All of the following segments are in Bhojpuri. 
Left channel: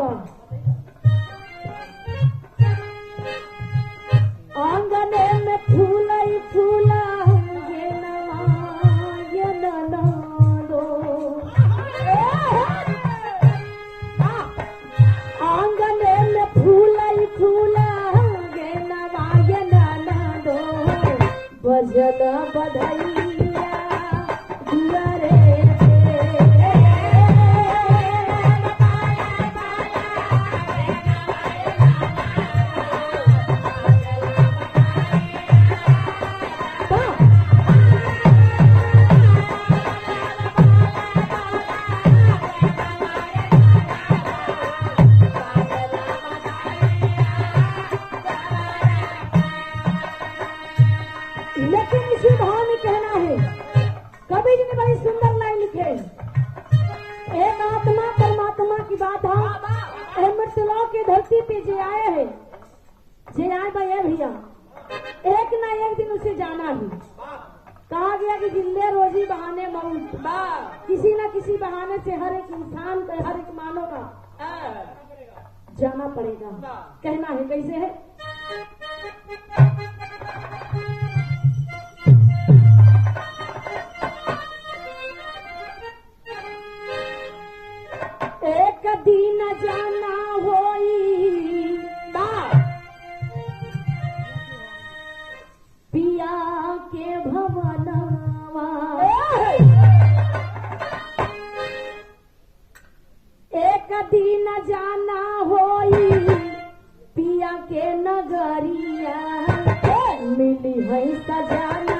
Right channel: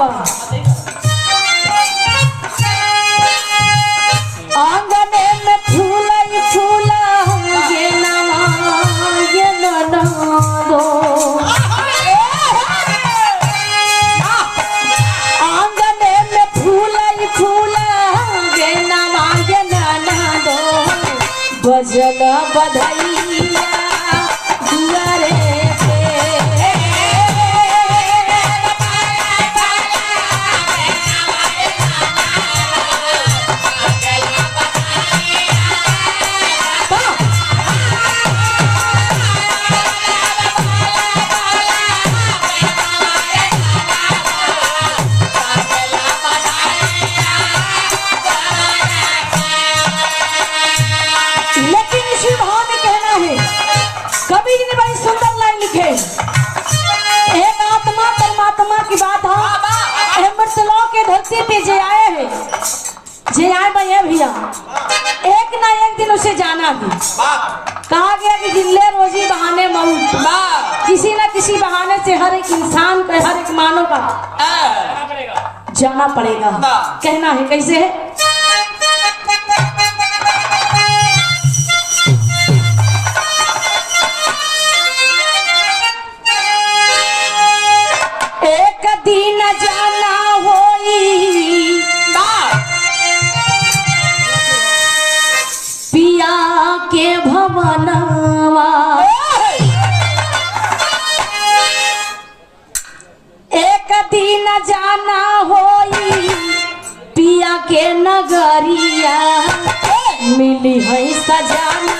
बा आंगने में फूल फूला ये ना दो आंगने में फूल फूला ये ना दो बजल बधैया दुआरे पे जे आए हैं भैया एक ना एक दिन उसे जाना भी कहा गया कि जिले रोजी बहाने मौत किसी न किसी बहाने से हर एक इंसान को हर एक मानव का जाना पड़ेगा। कहना है कैसे है एक दिन जाना पिया के भवनवा एक दिन जाना होई पिया के नगरिया मिली है सजाना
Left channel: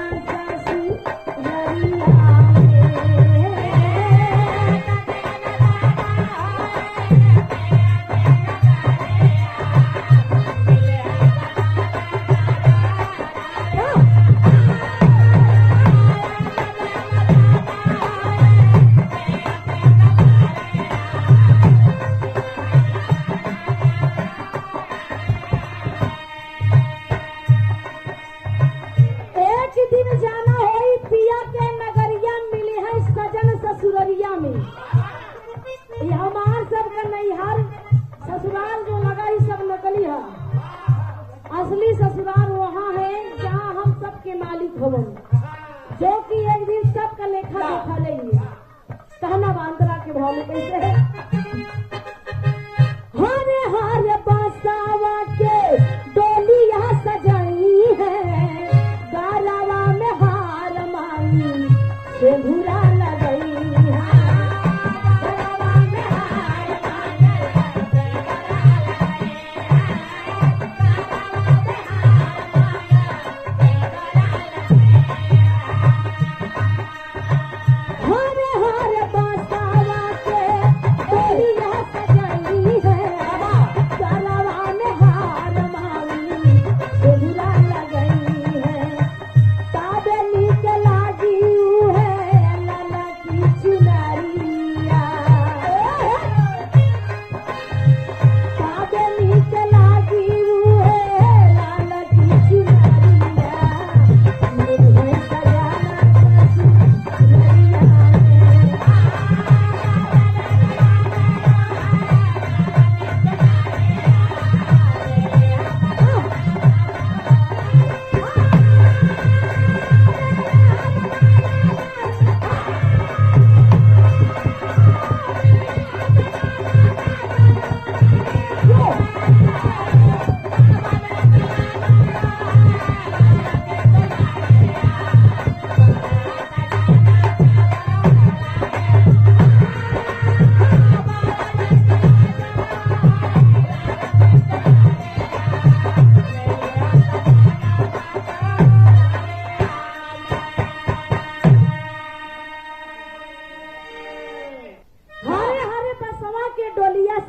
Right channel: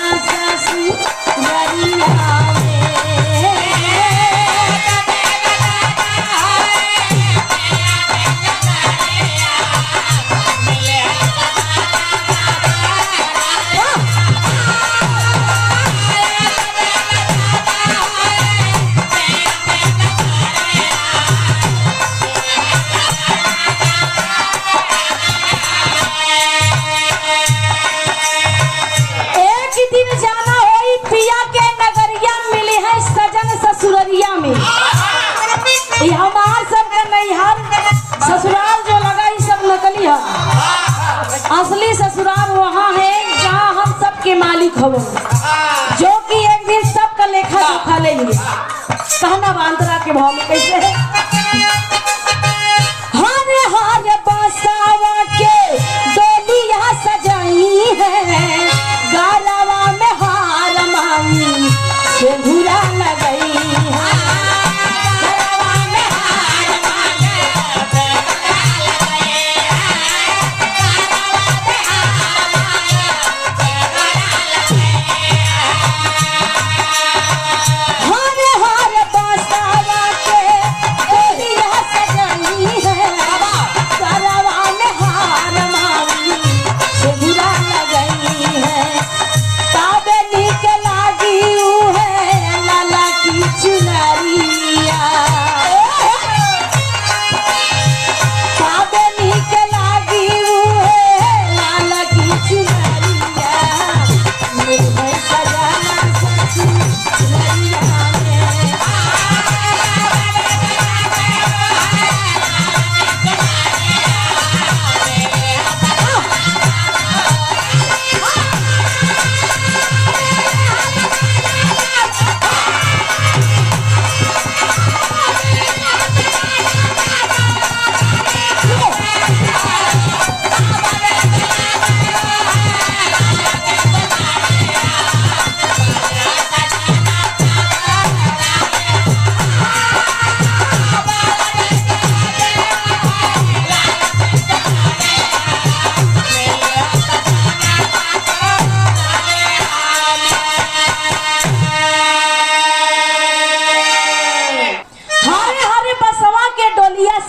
ससुरिया ससुराल जो लगा ये सब नकली है असली ससुराल वहाँ है जहाँ हम सबके मालिक हो जो कि एक दिन सबका लेखा जोखा ले लिए कहना बांतरा के भाव में कैसे है हरे हरे बसावा के डोलिया सजाई है गालवा में हार मांगी सिंदूरा लगाई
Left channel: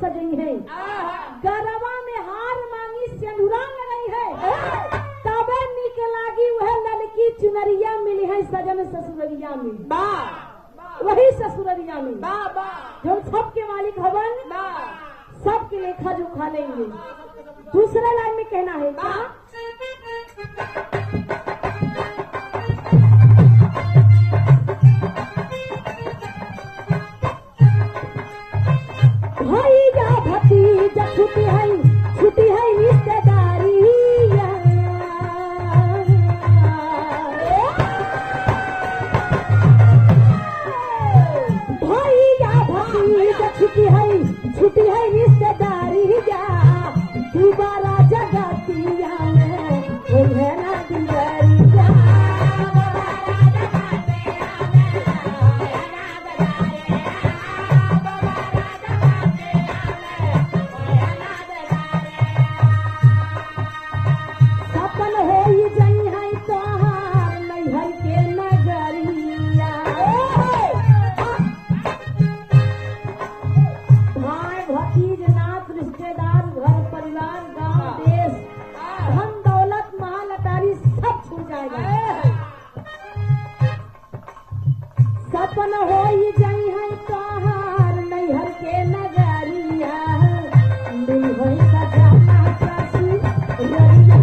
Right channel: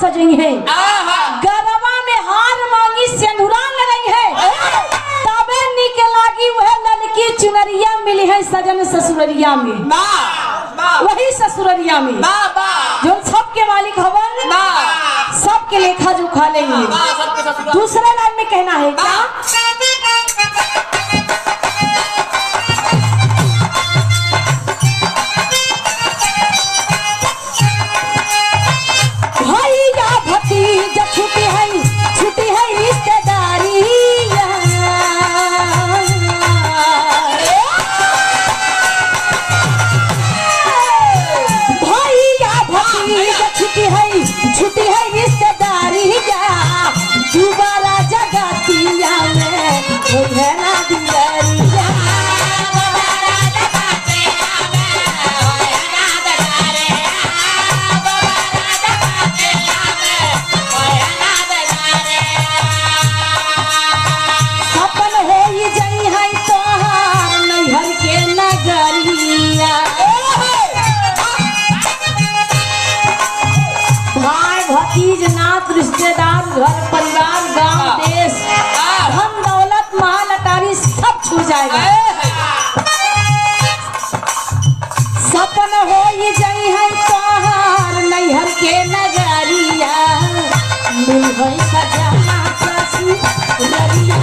सजई है गरबा में हार मांगी सिंदूरा लगाई है तबे निके लागी वह लड़की चुनरिया मिली है सजन ससुररिया में वही ससुररिया में जो सबके मालिक हवन सबके लेखा जोखा लेंगे। दूसरे लाइन में कहना है क्या भतीजा दर्शन हो जाई है तोहार नैहर के नगरिया मिल है सजना ससुररिया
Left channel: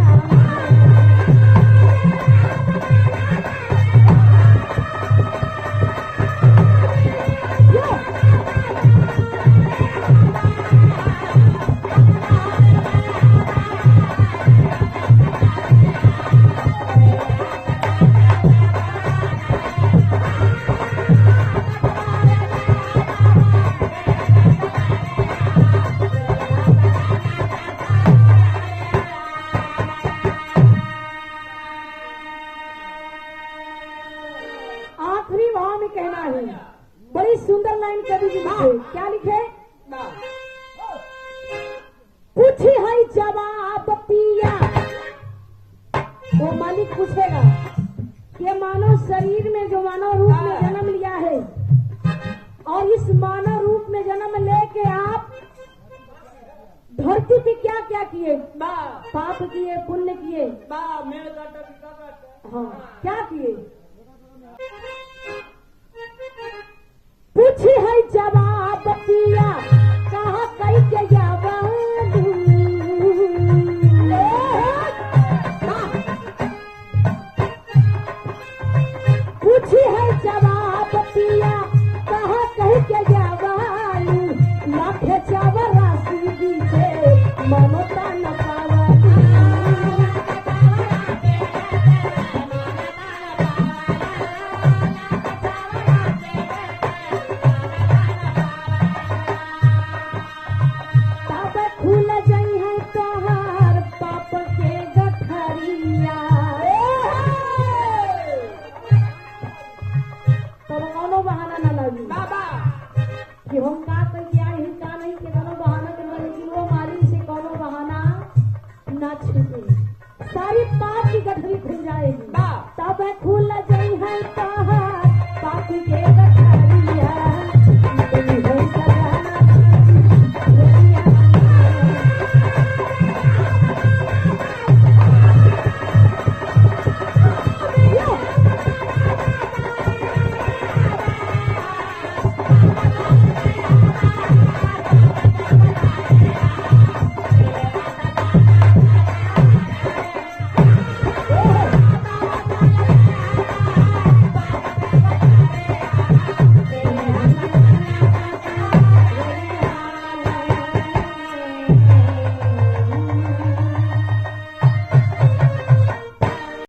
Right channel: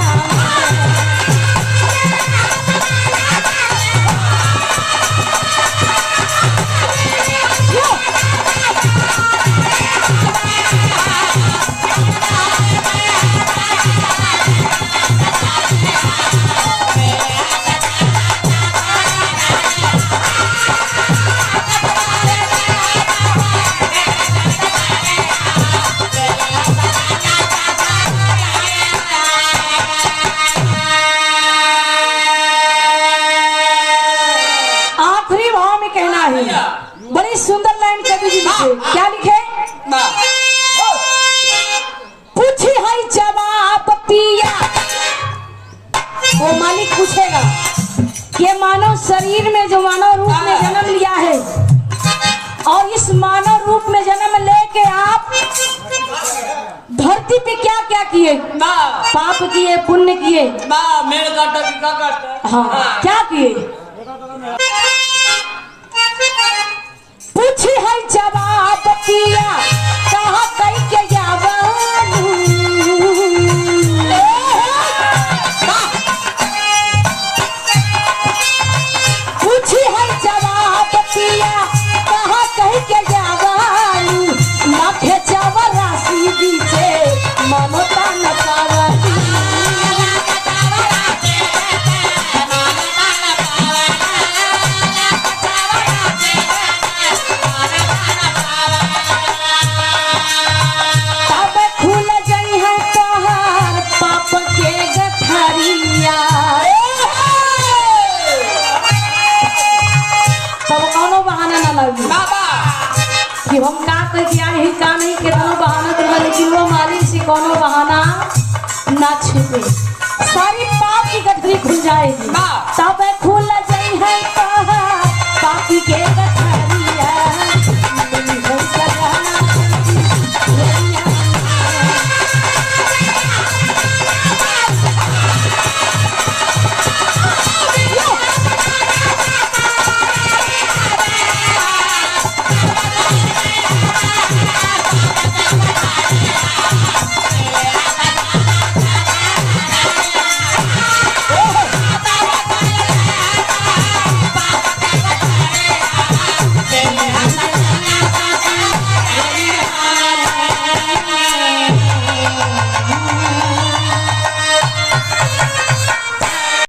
बड़ी सुंदर लाइन कवि जी लिखे। क्या लिखे? पूछी है जवाब पिया वो मालिक पूछेगा कि मानव शरीर में जो मानव रूप में जन्म लिया है और इस मानव रूप में जन्म लेके आप धरती पे क्या क्या किए? पाप किए, पुण्य किए, मेल काटा, हाँ क्या किए?